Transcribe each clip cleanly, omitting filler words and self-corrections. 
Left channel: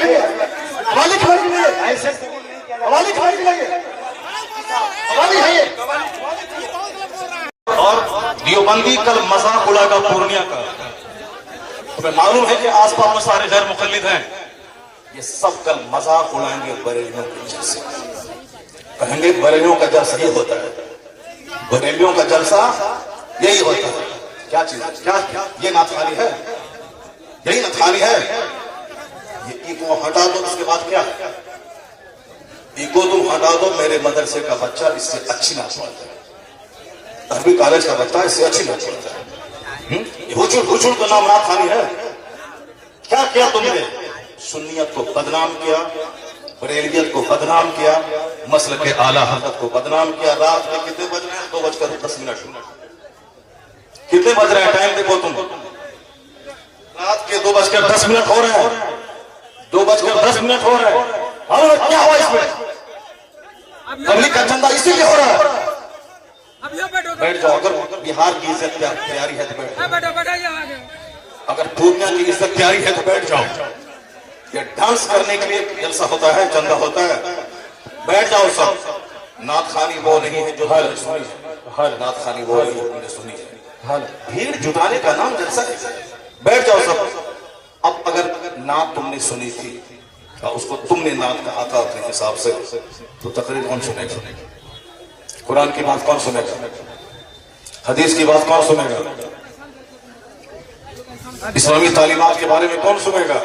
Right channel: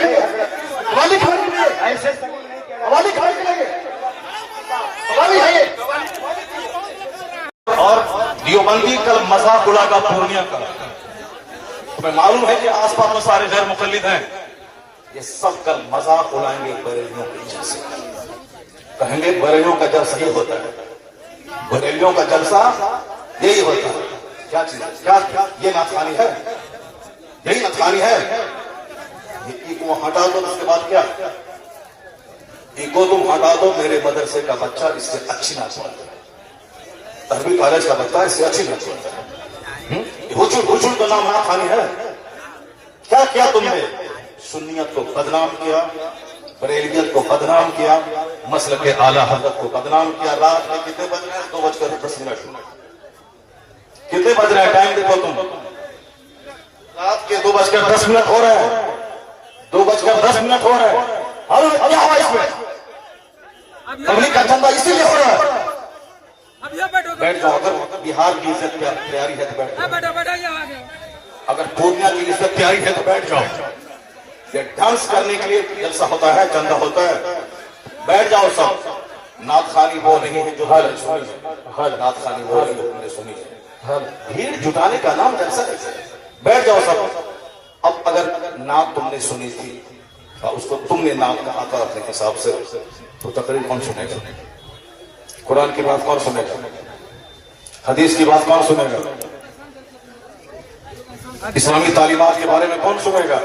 लिए वाली खबर के लिए ऐसे वाली खबर के लिए वाली है ये। और दियोबंदी कल मजाक उड़ाएगा पूर्णिया का। तुम्हें मालूम है कि आसपास में सारे गैर मुकल्लिद हैं, ये सब कल मजाक उड़ाएंगे बरेलियों के जलसे। कहेंगे बरेलियों का जलसा ये होता है, बरेलियों का जलसा यही होता है। क्या चीज, क्या ये नाथानी है, यही नाथानी है। ये ईगो हटा दो, उसके बाद क्या ईगो तुम हटा दो। मेरे मदरसे का बच्चा इससे अच्छी नाच पाता है, अरबी कॉलेज का बच्चा इससे अच्छी नाच पाता है। हुजूर का नाम नाथानी है। क्या किया तुमने? सुन्नियत को बदनाम किया, बरेलियत को बदनाम किया, मसलक के आला हज़रत को बदनाम किया। रात में कितने बज रहे हैं? 2:10। कितने बज रहे हैं? टाइम देखो तुम, रात के 2:10 हो रहे हैं, 2:10 हो रहे हैं। और क्या हुआ इसमें? पब्लिक का चंदा इसीलिए हो रहा है। बैठ जाओ, अगर बिहार की इज्जत तैयारी है तो बैठ जाओ, अगर पूर्णिया की इज्जत तैयारी है तो बैठ जाओ। ये डांस करने के लिए जलसा होता है, चंदा होता है, बैठ जाओ सब। नाथ खानी वो नहीं है जो सुनी है, नाथ खानी वो नहीं सुनी है। भीड़ जुटाने का नाम जलसा है, बैठ जाओ सब। अब अगर नाथ तुमने सुनी थी और उसको तुमने नाम कहा था अपने हिसाब से, तो तकरीर कौन सुनेगा? कुरान की बात कौन सुनेगा? हदीस की बात कौन सुनेगा? इस्लामी तालीमात के बारे में कौन सुनेगा?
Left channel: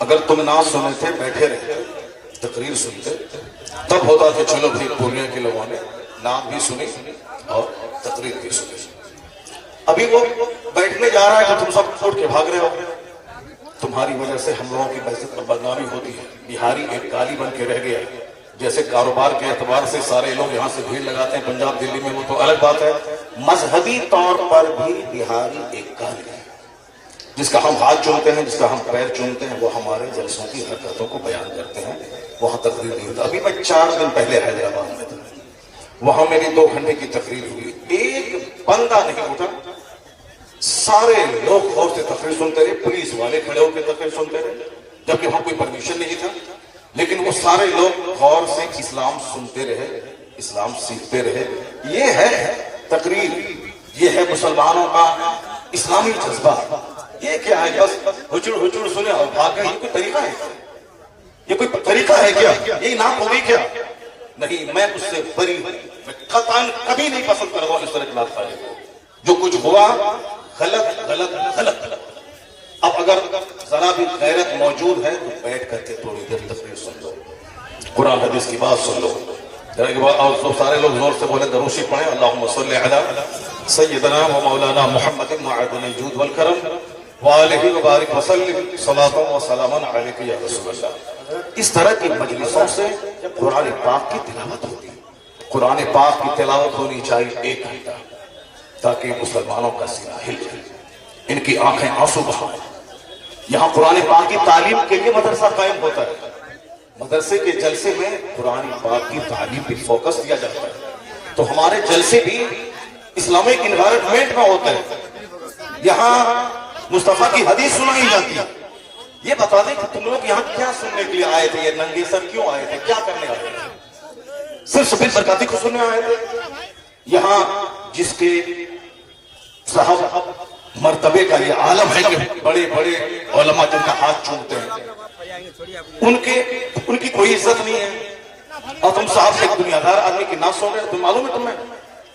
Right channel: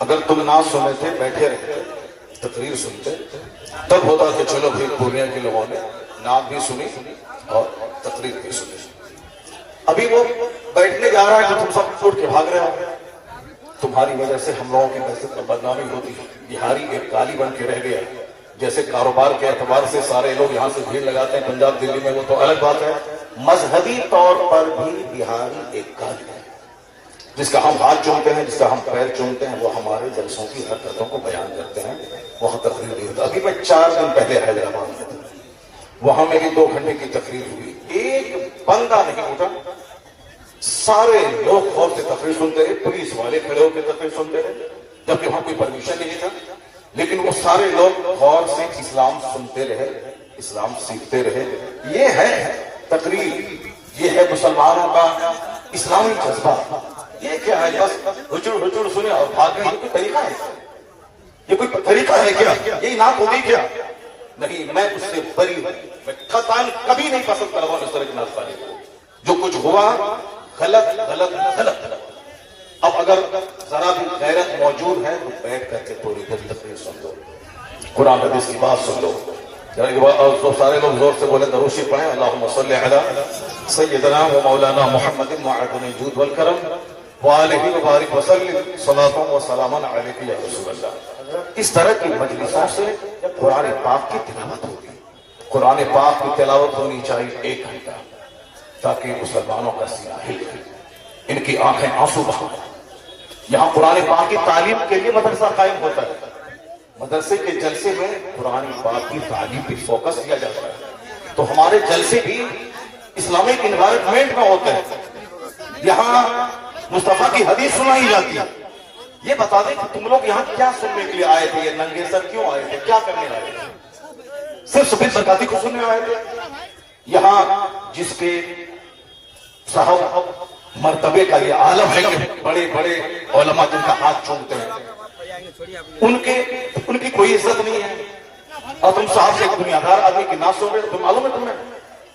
अगर तुम ना सुने थे, बैठे रहते, तकरीर सुनते, तब होता कि चलो भाई पूर्णिया के लोगों ने नाम भी सुनी और तकरीर भी सुनी। अभी वो बैठने जा रहा है तो तुम सब उठ के भाग रहे हो। तुम्हारी वजह से हम लोगों की वैसे तो बदनामी होती है। बिहारी एक काली बन के रह गया। जैसे कारोबार के एतबार से सारे लोग यहाँ से भीड़ लगाते हैं पंजाब दिल्ली में, वो तो अलग बात है। मजहबी तौर पर भी बिहारी एक काली है, जिसका हम हाथ चूमते हैं, जिसका हम पैर चूमते हैं, वो हमारे जलसों की हरकतों को बयान करते हैं। वहां तकरीर नहीं होता। अभी मैं 4 दिन पहले हैदराबाद में था, वहां मेरी 2 घंटे की तकरीर हुई। एक बंदा नहीं उठा, सारे लोग गौर से तकरीर सुनते रहे। पुलिस वाले खड़े होकर तकरीर सुनते रहे, जबकि वहां कोई परमिशन नहीं था, लेकिन वो सारे लोग गौर से इस्लाम सुनते रहे, इस्लाम सीखते रहे। ये है तकरीर, ये है मुसलमानों का इस्लामी जज्बा। ये क्या है? बस हुजूर सुने और भागने, ये कोई तरीका है? ये कोई तरीका है क्या? ये ना होगी क्या? नहीं, मैं उससे बरी, मैं कभी नहीं पसंद करूंगा इस तरह की नात पाने को। जो कुछ हुआ गलत गलत गलत। अब अगर जरा भी गैरत मौजूद है तो बैठ करके थोड़ी देर तकरीर सुन लो, कुरान हदीस की बात सुन लो। और तो सारे लोग जोर से बोले दरूशी पढ़े, अल्लाहुम्मा सल्ली अला सय्यिदना व मौलाना मुहम्मदिन मअदुल जूद वल करम व अलैहि व बारिक व सल्लिम सलातु व सलामन अलैका या रसूलल्लाह। इस तरह की मजलिसों से कुरान पाक की तिलावत होगी। कुरान पाक की तिलावत होनी चाहिए 1 घंटा, ताकि मुसलमानों का सीना हिल जाए, इनकी आंखें आंसू बहा। यहाँ कुरान पाक की तालीम के लिए मदरसा कायम होता है। मदरसे के जलसे में कुरान पाक की तालीम पे फोकस दिया जाता है। तो हमारे जलसे भी इस्लामिक इन्वायरमेंट में होते हैं। यहाँ मुस्तफा की हदीस सुनाई जाती है। ये बता दें कि तुम लोग यहाँ क्या सुनने के लिए आए थे? ये नंगे सर क्यों आए थे? क्या करने आए थे? सिर्फ सफेद बरकाती को सुनने आए थे? यहाँ जिसके साहब मर्तबे का ये आलम है कि बड़े बड़े उलमा जिनका हाथ चूमते हैं, उनकी कोई इज्जत नहीं है। और तुम साहब से एक दुनियादार आदमी की ना सुन रहे, तुम मालूम है तुम्हें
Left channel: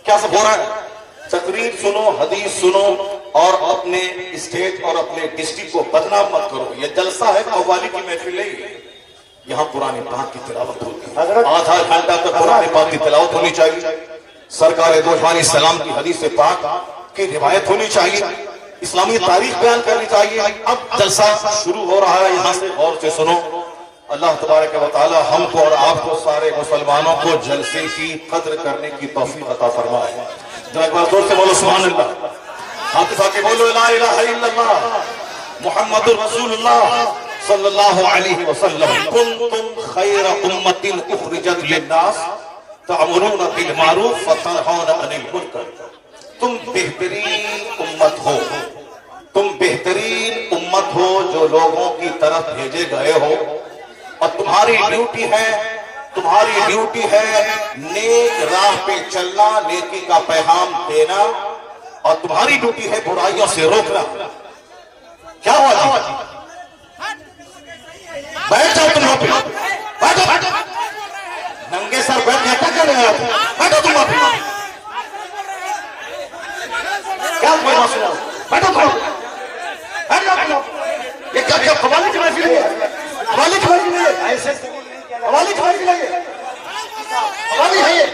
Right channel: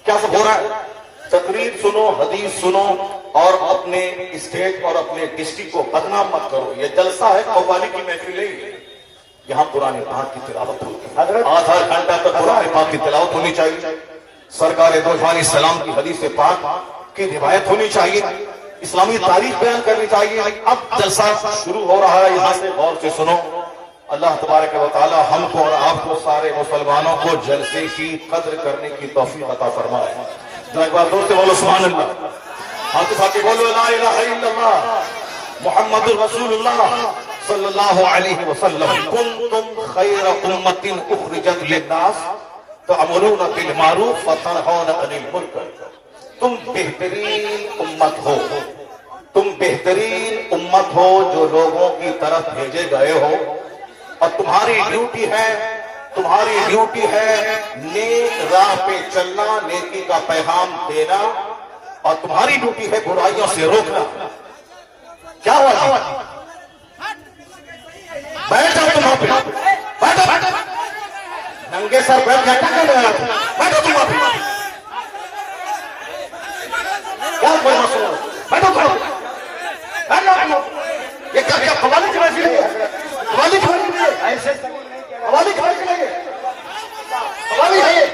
क्या सब हो रहा है? तकरीर सुनो, हदीस सुनो और अपने स्टेट और अपने डिस्ट्रिक्ट को बदनाम मत करो। ये जलसा है, कव्वाली की महफिल नहीं है। यहाँ कुरान पाक की तिलावत होती है। आधा घंटा तक कुरान पाक की तिलावत होनी चाहिए। सरकार दो जहान सलाम की हदीस पाक की रिवायत होनी चाहिए। इस्लामी तारीख बयान करनी चाहिए। अब जलसा शुरू हो रहा है, यहाँ से गौर से सुनो। अल्लाह तबारक व तआला हमको और आपको सारे मुसलमानों को जलसे की कद्र करने की तौफीक अता फरमाए। एक बार जोर से बोलो सुभान अल्लाह। हाथ उठा के बोलो ला इलाहा इल्लल्लाह मुहम्मदुर रसूलुल्लाह सल्लल्लाहु अलैहि वसल्लम। कुंतुम खैर उम्मतिन उखरिजत लिन्नास तअमुरूना बिल मारूफ व तनहौना अनिल मुनकर। तुम बेहतरीन उम्मत हो, तुम बेहतरीन उम्मत मत हो जो लोगों की तरफ भेजे गए हो, और तुम्हारी ड्यूटी है नेक राह पे चलना, नेकी का पैगाम देना, और तुम्हारी ड्यूटी है बुराइयों से रोकना। क्या हुआ जी? बैठ जाओ तुम वहां पे, बैठो। नंगे सर बैठ गया, क्या कर रहे हो? बैठो तुम वहां पे। क्या कोई ना सुनो, बैठो तुम। ये क्या खवाली की महफिल है? खवाली की महफिल है? ऐसे खवाली की महफिल है? खवाली है ये?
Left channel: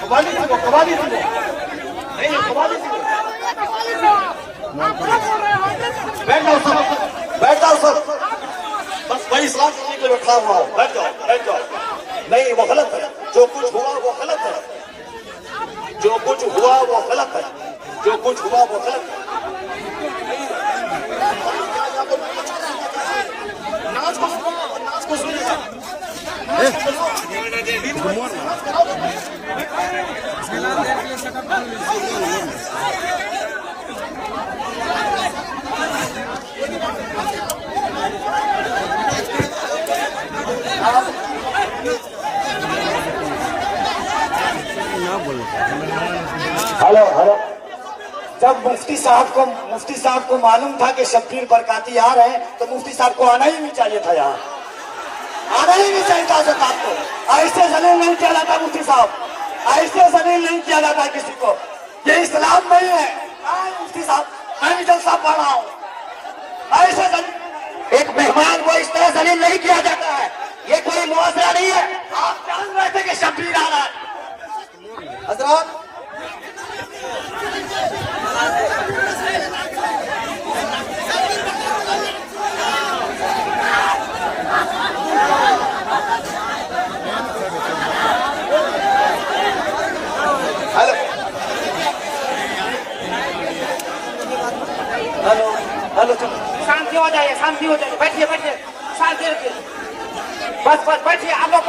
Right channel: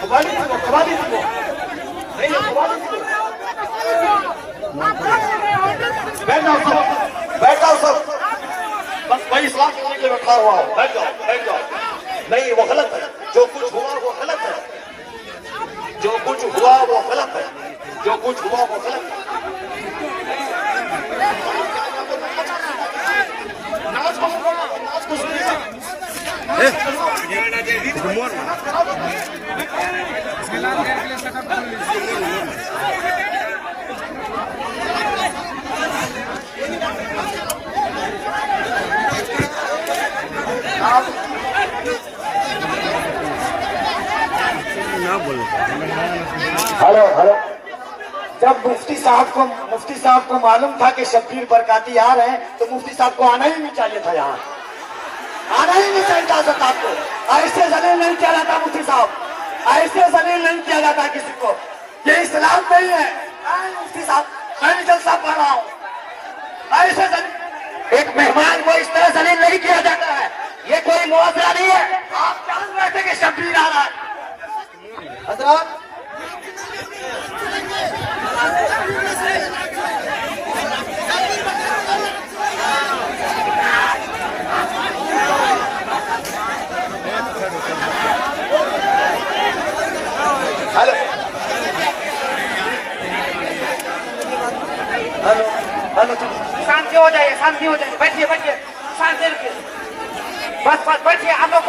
खवाली बैठ जाओ सब। बस वही इस्लाम के लिए बैठा हुआ हूं। बैठ जाओ। नहीं, वो गलत है। जो कुछ हुआ वो गलत है। जो कुछ हुआ वो गलत है। हेलो। जब मुफ्ती साहब को मालूम था कि शब्बीर बरकाती आ रहे हैं, तो मुफ्ती साहब को आना ही नहीं चाहिए था। यहाँ आना ही नहीं चाहिए था। सरकार को ऐसे जलील नहीं किया जाता। मुफ्ती साहब, ऐसे जलील नहीं किया जाता किसी को। ये इस्लाम नहीं है। मुफ्ती साहब, मैं भी जलसा पढ़ रहा हूँ। ऐसे जलील एक मेहमान को इस तरह जलील नहीं किया जाता है। ये कोई मुआवजा नहीं है। आप जान रहे थे कि शब्बीर आ रहा है। हजरत, हेलो, शांति हो जाइए, बैठिए, शांति रखिए। बस बैठिए, आप लोग